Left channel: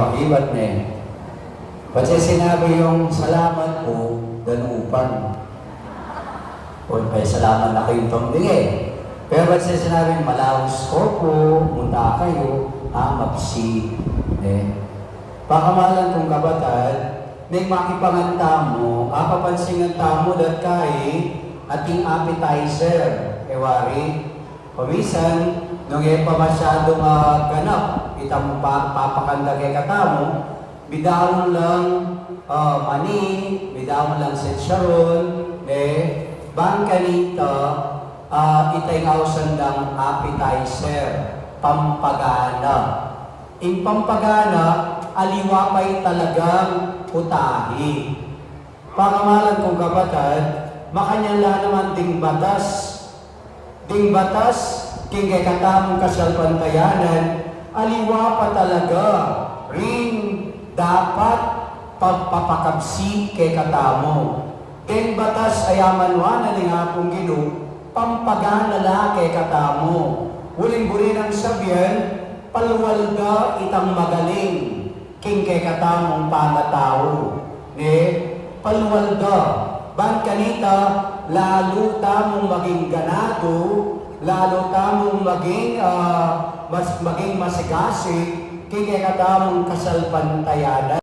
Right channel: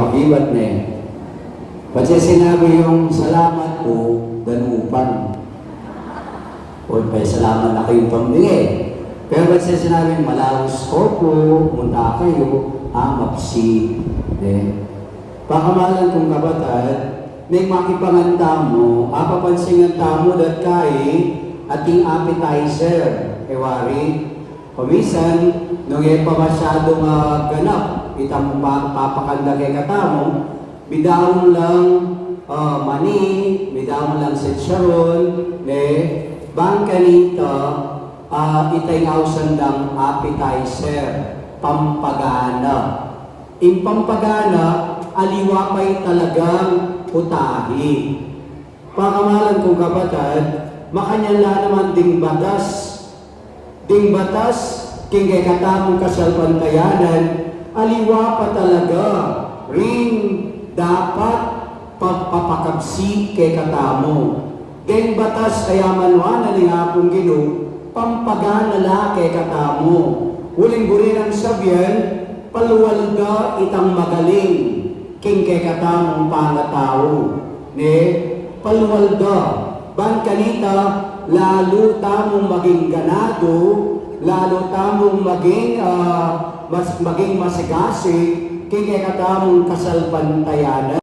Pakibat na eh. Kasi sinabi yung salamat po, ganupan. O salamat na kayong pambili. Pero kasi sinabi, malaos ko po, munta kayo, mapsi. Pakamalan kong kabatad, may makipanganta mo, papansingan mo dat kay ating appetizer. Wari, paminsan, nung pa masyadong ganap, itang papakanda kay katamo, bidawon lang mani, bidawon lang sitsaron, bangka nito, itay ngawsan ng appetizer, pampagana. In pampagana, aliwapay talagang putahi. Pakamalan kong kapatid, makanyala naman ding batas. Ding batas, king kay katamong kasalpantayanan, aliwa pa talaga ring dapat pagpapakabsi kay katamo. Ding batas ayaman na ni Apong Gino, pampagana la kay katamo. Uling-buri ng sabyan, paluwalga itang magaling, king kay katamong pangatao. Paluwalga, ban kanita, lalo tamong maging ganado, lalo tamong maging maging masigasi, king kay katamong kasalpantayanan.